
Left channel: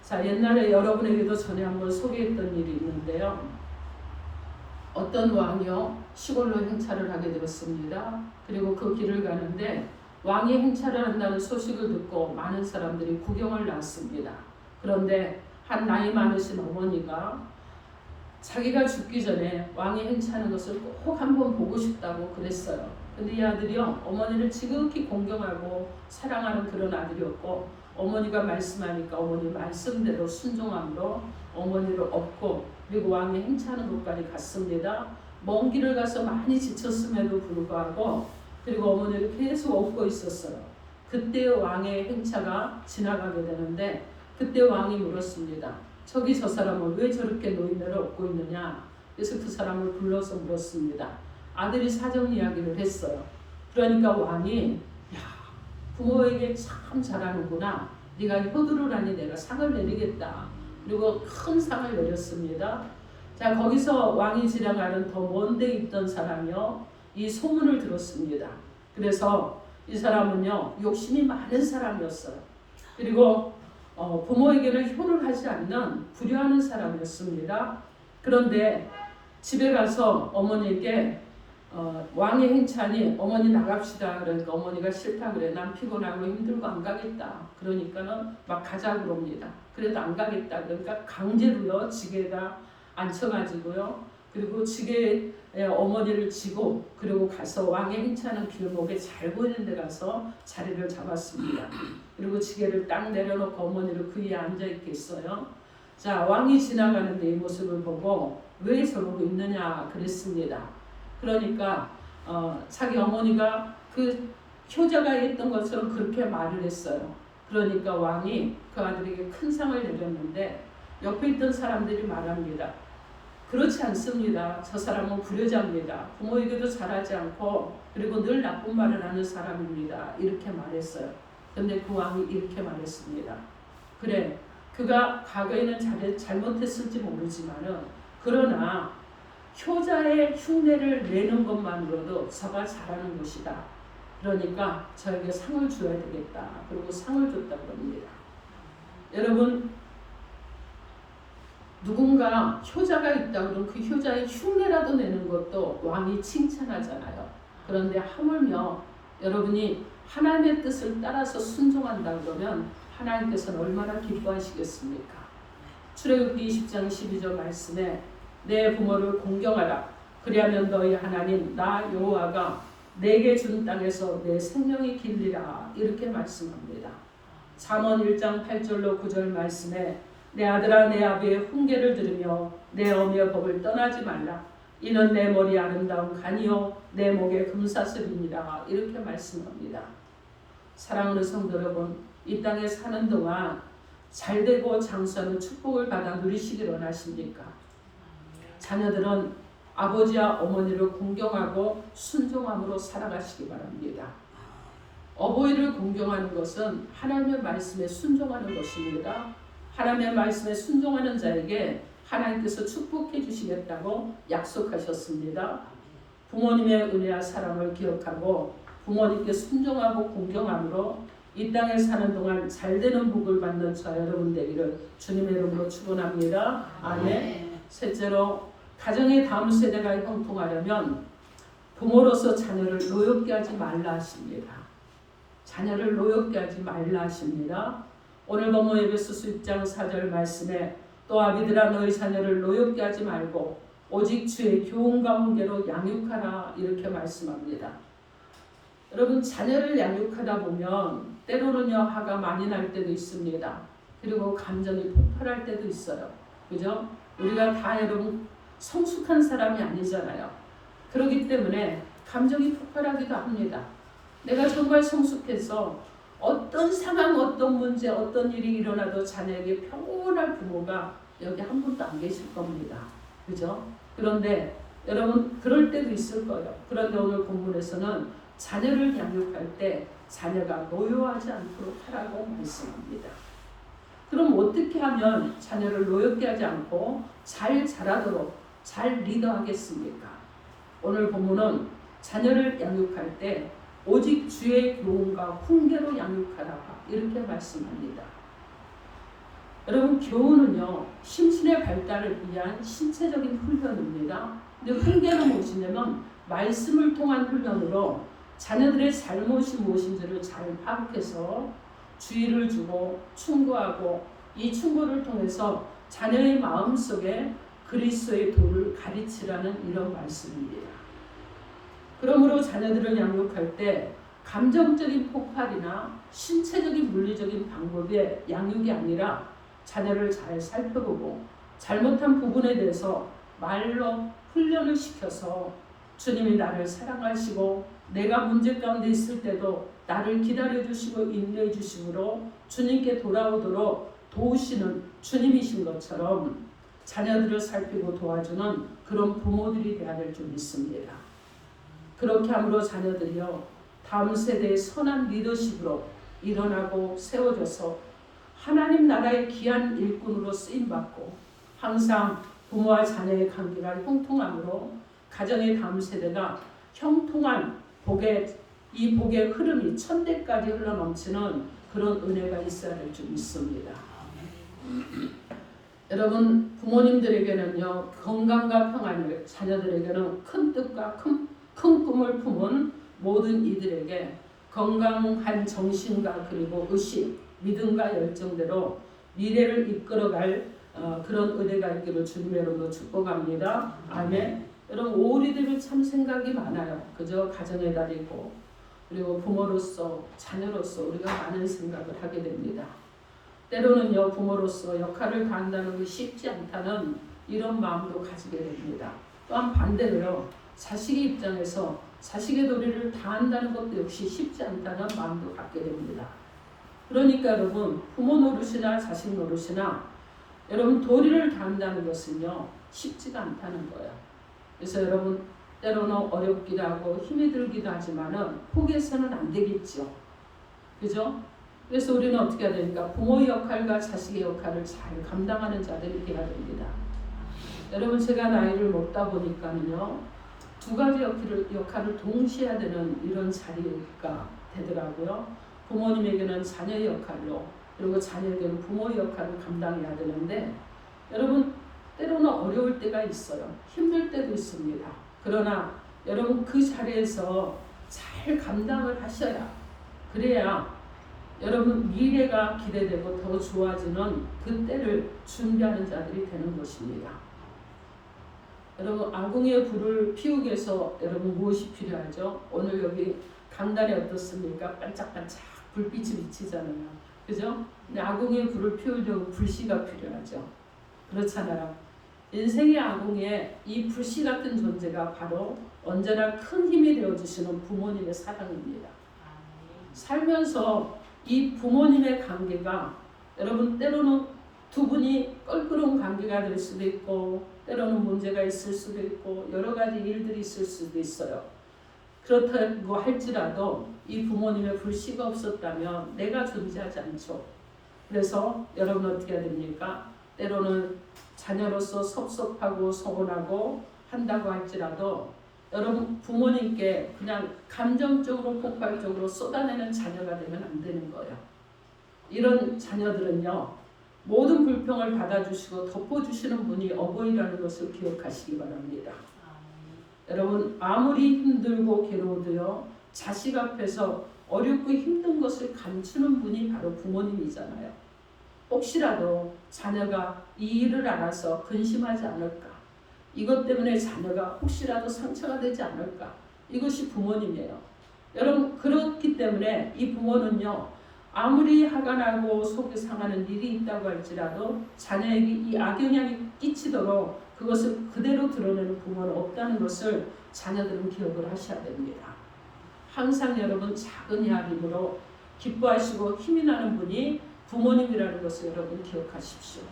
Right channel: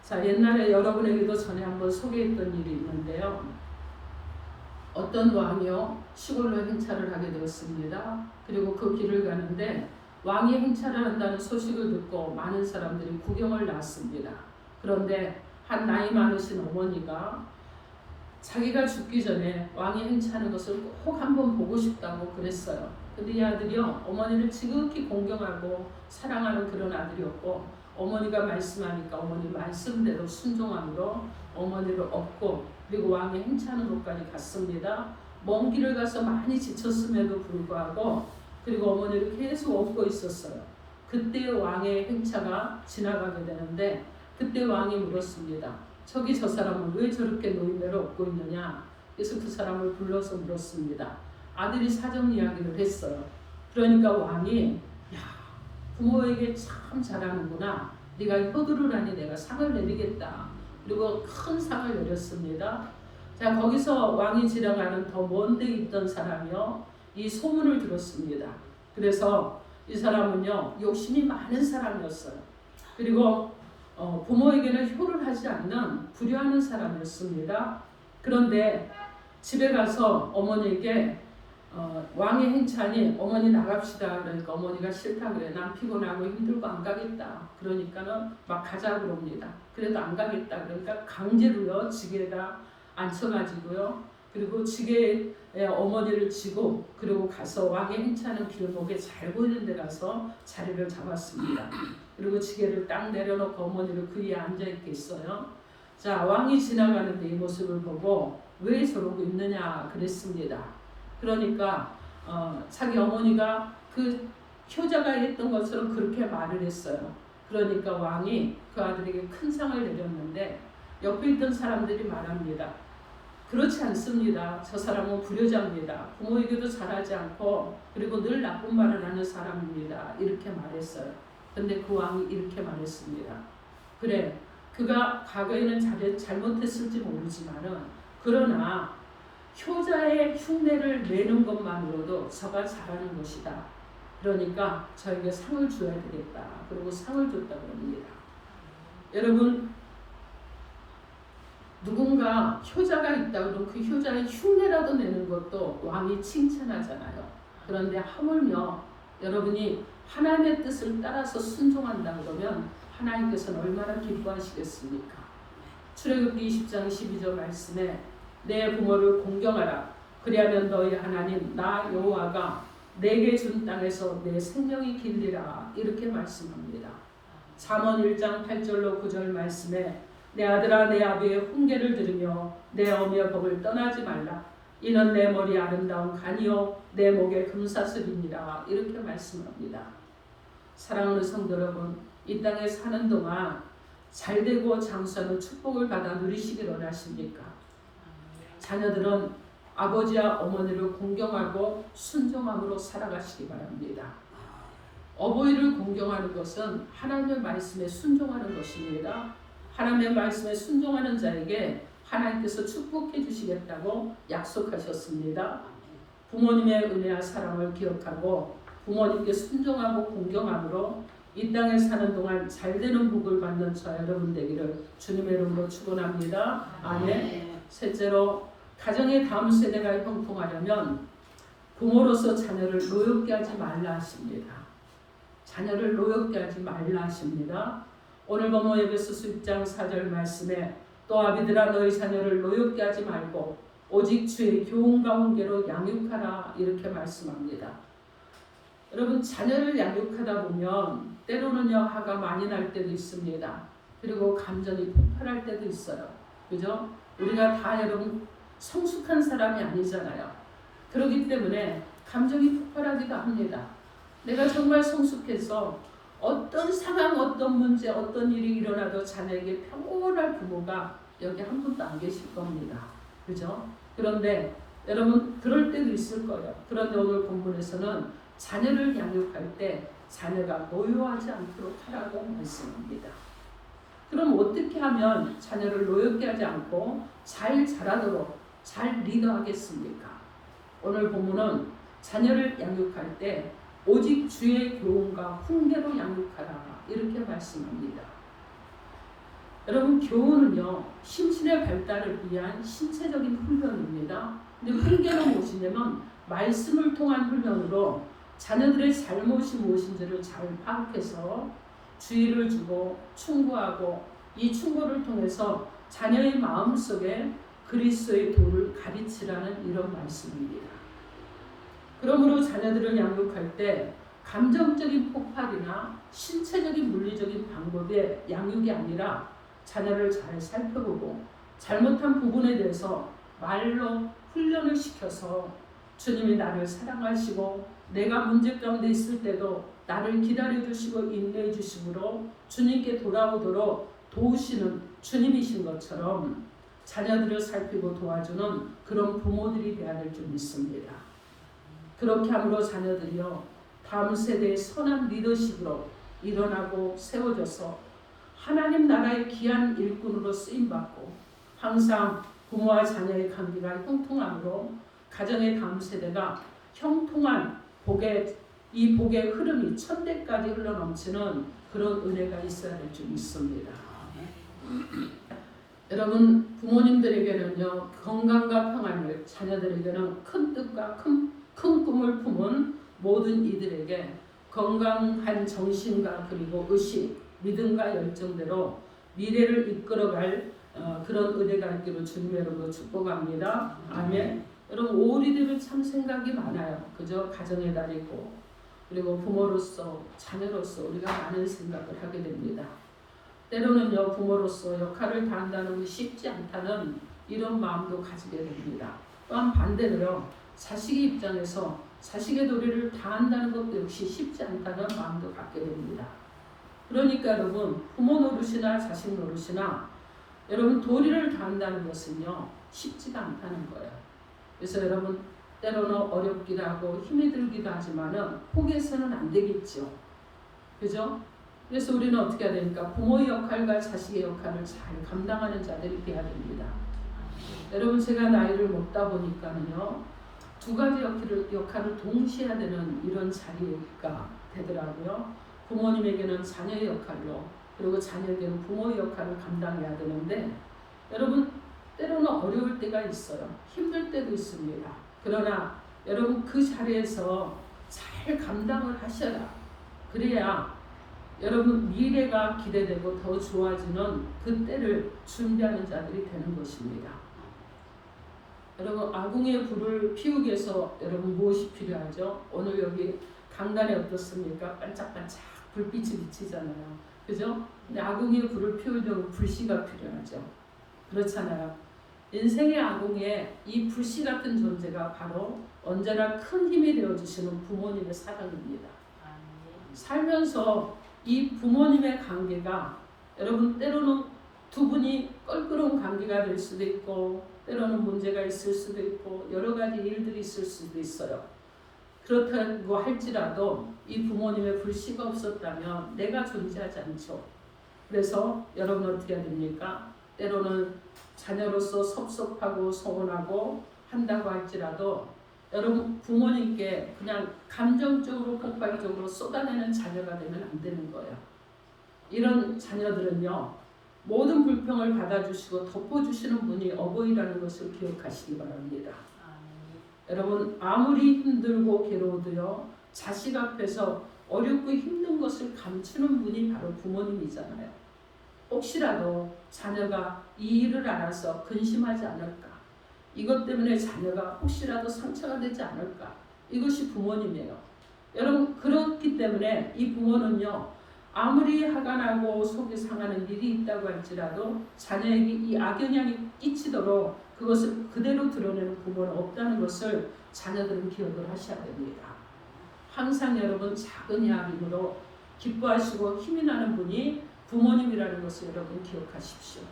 자, 옛날에 여러분에게도 전에 한번 소개했던 일이 있는데요. 어떤 왕이요, 시골로 행차를 하게 되었습니다. 그리고 그 길을 가는데 왕이 행차를 한다는 소식을 듣고 많은 사람들이 구경을 나왔습니다. 그런데 한 나이 많으신 어머니가 자기가 죽기 전에 왕이 행차하는 것을 꼭 한번 보고 싶다고 그랬어요. 근데 이 아들이요, 어머니를 지극히 공경하고 사랑하는 그런 아들이었고, 어머니가 말씀하니까 어머니 말씀대로 순종함으로 어머니를 업고 그리고 왕이 행차하는 곳까지 갔습니다. 먼 길을 가서 많이 지쳤음에도 불구하고 그리고 어머니를 계속 업고 있었어요. 그때 왕의 행차가 지나가게 되는데 그때 왕이 물었습니다. 저기 저 사람은 왜 저렇게 노인네를 업고 있느냐? 그래서 그 사람을 불러서 물었습니다. 아들이 사정 이야기를 했어요. 그러니까 왕이, 야, 부모에게 참 잘하는구나. 네가 효도를 하니 내가 상을 내리겠다. 그리고 큰 상을 내렸습니다. 자, 거기서 왕이 지나가는 더 먼 데 있던 사람이요, 이 소문을 들었습니다. 그래서 이 사람은요, 욕심이 많은 사람이었어요. 그리고 부모에게는 효를 하지 않는 불효하는 사람이었습니다. 그런데 집에 가서 어머니에게 왕의 행차니 어머니 나갑시다. 그러니까 어머니가 싫다 그래. 난 피곤하고 힘들고 안 가겠다. 그러니까는 막 가자 그럽니다. 그래도 안 가겠다. 그러니까 강제로요, 지게에다 앉혀가지고요, 그리고 지게에 어머니를 지고 그리고 가서 왕의 행차하는 길목에 잘 보이는 데 가서 자리를 잡았습니다. 그리고 지게를 딱 내려놓고 어머니를 그 위에 앉아있게 했어요. 자, 왕이 지나가는데 이 모습을 보고 왜 저러고 있느냐 그랬습니다. 그러니까 자기 어머니가 그 효자가 했던 것처럼 그렇게 말을 했어요. 그러니까 왕이 그 아들에게 큰 상을 내렸는데 옆에 있던 사람들이 말합니다. 그렇지 않습니다. 저 사람은 불효자입니다. 부모에게도 잘하지 않고 그리고 늘 나쁜 말을 하는 사람입니다. 이렇게 말했어요. 근데 그 왕이 이렇게 말했습니다. 그래, 그가 과거에는 잘못했을지 모르지만은 그러나 효자의 흉내를 내는 것만으로도 저가 잘하는 것이다. 그러니까 저에게 상을 줘야 되겠다. 그리고 상을 줬다 그럽니다. 여러분, 누군가 효자가 있다 그러면 그 효자의 흉내라도 내는 것도 왕이 칭찬하잖아요. 그런데 하물며 여러분이 하나님의 뜻을 따라서 순종한다 그러면 하나님께서는 얼마나 기뻐하시겠습니까? 출애굽기 20장 12절 말씀에 내 부모를 공경하라. 그리하면 너희 하나님 나 여호와가 내게 준 땅에서 내 생명이 길리라. 이렇게 말씀합니다. 잠언 1장 8절로 9절 말씀에 내 아들아 내 아비의 훈계를 들으며 내 어미의 법을 떠나지 말라. 이는 내 머리 아름다운 간이요 내 목에 금사슬이니라. 이렇게 말씀합니다. 사랑하는 성도 여러분, 이 땅에 사는 동안 잘되고 장수하는 축복을 받아 누리시길 원하십니까? 자녀들은 아버지와 어머니를 공경하고 순종함으로 살아가시기 바랍니다. 어버이를 공경하는 것은 하나님의 말씀에 순종하는 것입니다. 하나님의 말씀에 순종하는 자에게 하나님께서 축복해 주시겠다고 약속하셨습니다. 부모님의 은혜와 사랑을 기억하고 부모님께 순종하고 공경함으로 이 땅에 사는 동안 잘되는 복을 받는 저 여러분 되기를 주님의 이름으로 축원합니다. 아멘. 셋째로, 가정의 다음 세대가 형통하려면 부모로서 자녀를 노엽게 하지 말라 하십니다. 자녀를 노엽게 하지 말라 하십니다. 오늘 본문 에베소서 6장 4절 말씀에 또 아비들아 너희 자녀를 노엽게 하지 말고 오직 주의 교훈과 훈계로 양육하라. 이렇게 말씀합니다. 여러분, 자녀를 양육하다 보면 때로는요 화가 많이 날 때도 있습니다. 그리고 감정이 폭발할 때도 있어요. 그죠? 우리가 다 여러분 성숙한 사람이 아니잖아요. 그렇기 때문에 감정이 폭발하기도 합니다. 내가 정말 성숙해서 어떤 상황, 어떤 문제, 어떤 일이 일어나도 자녀에게 평온할 부모가 여기 한 분도 안 계실 겁니다. 그죠? 그런데 여러분 그럴 때도 있을 거예요. 그런데 오늘 본문에서는 자녀를 양육할 때 자녀가 노여워하지 않도록 하라고 말씀합니다. 그럼 어떻게 하면 자녀를 노엽게 하지 않고 잘 자라도록 잘 리더하겠습니까? 오늘 본문은 자녀를 양육할 때 오직 주의 교훈과 훈계로 양육하라 이렇게 말씀합니다. 여러분 교훈은요 심신의 발달을 위한 신체적인 훈련입니다. 근데 훈계는 무엇이냐면 말씀을 통한 훈련으로 자녀들의 잘못이 무엇인지를 잘 파악해서 주의를 주고 충고하고 이 충고를 통해서 자녀의 마음속에 그리스도의 도를 가르치라는 이런 말씀입니다. 그러므로 자녀들을 양육할 때 감정적인 폭발이나 신체적인 물리적인 방법의 양육이 아니라 자녀를 잘 살펴보고 잘못한 부분에 대해서 말로 훈련을 시켜서 주님이 나를 사랑하시고 내가 문제 가운데 있을 때도 나를 기다려주시고 인내해주심으로 주님께 돌아오도록 도우시는 주님이신 것처럼 자녀들을 살피고 도와주는 그런 부모들이 되어야 될 줄 믿습니다. 그렇게 함으로 자녀들이요 다음 세대의 선한 리더십으로 일어나고 세워져서 하나님 나라의 귀한 일꾼으로 쓰임받고 항상 부모와 자녀의 관계가 형통함으로 가정의 다음 세대가 형통한 이 복의 흐름이 천대까지 흘러넘치는 그런 은혜가 있어야 될 줄 믿습니다. 여러분 부모님들에게는요 건강과 평안을 자녀들에게는 큰 뜻과 큰 꿈을 품은 모든 이들에게 건강한 정신과 그리고 의식, 믿음과 열정대로 미래를 이끌어갈 그런 은혜가 있기를 주님의 이름으로 축복합니다. 아멘. 여러분 5월이 되면 참 생각이 많아요. 그저 가정의 달이고 그리고 부모로서 자녀로서 우리가 많은 생각을 하게 됩니다. 때로는요 부모로서 역할을 다한다는 게 쉽지 않다는 이런 마음도 가지게 됩니다. 또한 반대로요 자식의 입장에서 자식의 도리를 다한다는 것도 역시 쉽지 않다는 마음도 갖게 됩니다. 그러니까 여러분 부모 노릇이나 자식 노릇이나 여러분 도리를 다한다는 것은요 쉽지가 않다는 거예요. 그래서 여러분 때로는 어렵기도 하고 힘이 들기도 하지만은 포기해서는 안 되겠죠. 그죠? 그래서 우리는 어떻게 해야 되니까 부모의 역할과 자식의 역할을 잘 감당하는 자들이 되어야 됩니다. 여러분 제가 나이를 먹다 보니까는요 두 가지 역할을 동시에 해야 되는 이런 자리가 되더라고요. 부모님에게는 자녀의 역할로 그리고 자녀에게는 부모의 역할을 감당해야 되는데 여러분 때로는 어려울 때가 있어요. 힘들 때도 있습니다. 그러나 여러분 그 자리에서 잘 감당을 하셔야 그래야 여러분 미래가 기대되고 더 좋아지는 그 때를 준비하는 자들이 되는 것입니다. 여러분 아궁이의 불을 피우기 위해서 여러분 무엇이 필요하죠? 오늘 여기 강단에 어떻습니까? 반짝반짝 불빛이 비치잖아요. 그죠? 근데 아궁이의 불을 피우려면 불씨가 필요하죠. 그렇잖아요. 인생의 아궁이에 이 불씨 같은 존재가 바로 언제나 큰 힘이 되어주시는 부모님의 사랑입니다. 살면서 이 부모님의 관계가 여러분 때로는 두 분이 껄끄러운 관계가 될 수도 있고 때로는 문제가 있을 수도 있고 여러 가지 일들이 있을 수도 있어요. 그렇다고 할지라도 이 부모님의 불씨가 없었다면 내가 존재하지 않죠. 그래서 여러분 어떻게 해야 됩니까? 때로는 자녀로서 섭섭하고 서운하고 한다고 할지라도 여러분 부모님께 그냥 감정적으로 폭발적으로 쏟아내는 자녀가 되면 안 되는 거예요. 이런 자녀들은요 모든 불평을 받아주시고 덮어주시는 분이 어버이라는 것을 기억하시기 바랍니다. 여러분 아무리 힘들고 괴로워도요 자식 앞에서 어렵고 힘든 것을 감추는 분이 바로 부모님이잖아요. 혹시라도 자녀가 이 일을 알아서 근심하지 않을까, 이것 때문에 자녀가 혹시라도 상처가 되지 않을까, 이것이 부모님이에요. 여러분 그렇기 때문에 이 부모는요 아무리 화가 나고 속이 상하는 일이 있다고 할지라도 자녀에게 이 악영향이 끼치도록 그것을 그대로 드러내는 부모는 없다는 것을 자녀들은 기억을 하셔야 됩니다. 항상 여러분 작은 야림으로 기뻐하시고 힘이 나는 분이 부모님이라는 것을 여러분 기억하십시오.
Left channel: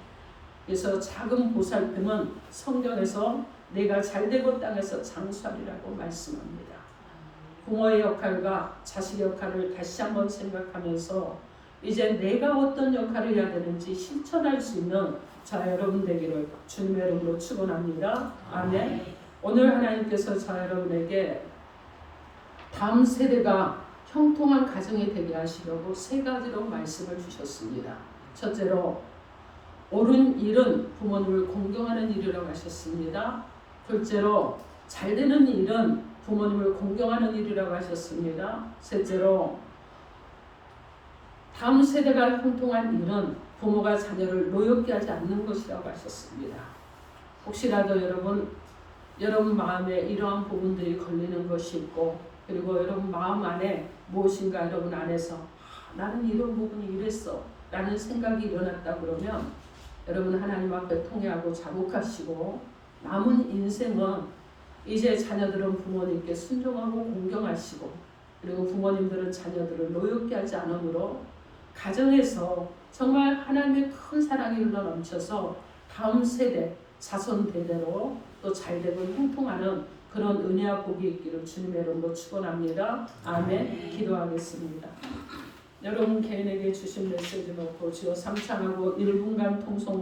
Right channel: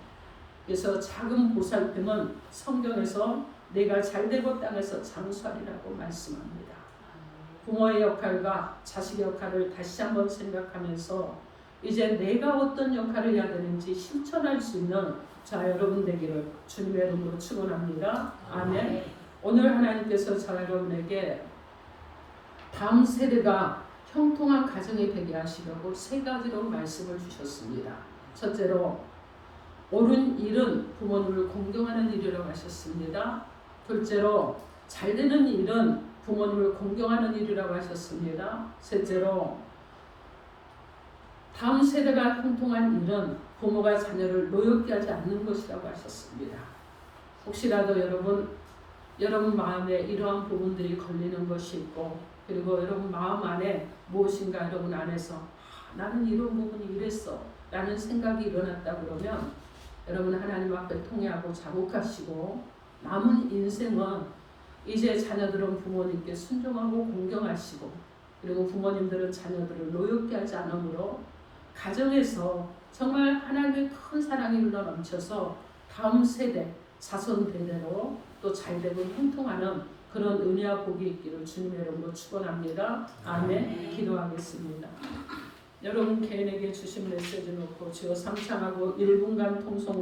그래서 작은 보살핌은 성경에서 내가 잘되고 땅에서 장수하리라고 말씀합니다. 부모의 역할과 자식의 역할을 다시 한번 생각하면서 이제 내가 어떤 역할을 해야 되는지 실천할 수 있는 저 여러분 되기를 주님의 이름으로 축원합니다. 아멘. 오늘 하나님께서 저 여러분에게 다음 세대가 형통한 가정이 되게 하시려고 세 가지로 말씀을 주셨습니다. 첫째로 옳은 일은 부모님을 공경하는 일이라고 하셨습니다. 둘째로 잘되는 일은 부모님을 공경하는 일이라고 하셨습니다. 셋째로 다음 세대가 형통한 일은 부모가 자녀를 노엽게 하지 않는 것이라고 하셨습니다. 혹시라도 여러분 마음에 이러한 부분들이 걸리는 것이 있고 그리고 여러분 마음 안에 무엇인가 여러분 안에서 나는 이런 부분이 이랬어 라는 생각이 일어났다 그러면 여러분 하나님 앞에 통회하고 자복하시고 남은 인생은 이제 자녀들은 부모님께 순종하고 공경하시고 그리고 부모님들은 자녀들을 노엽게 하지 않으므로 가정에서 정말 하나님의 큰 사랑이 흘러넘쳐서 다음 세대 자손 대대로 또 잘되고 형통하는 그런 은혜와 복이 있기를 주님의 이름으로 축원합니다. 아멘. 기도하겠습니다. 여러분 개인에게 주신 메시지 놓고 주여 삼창하고 1분간 통성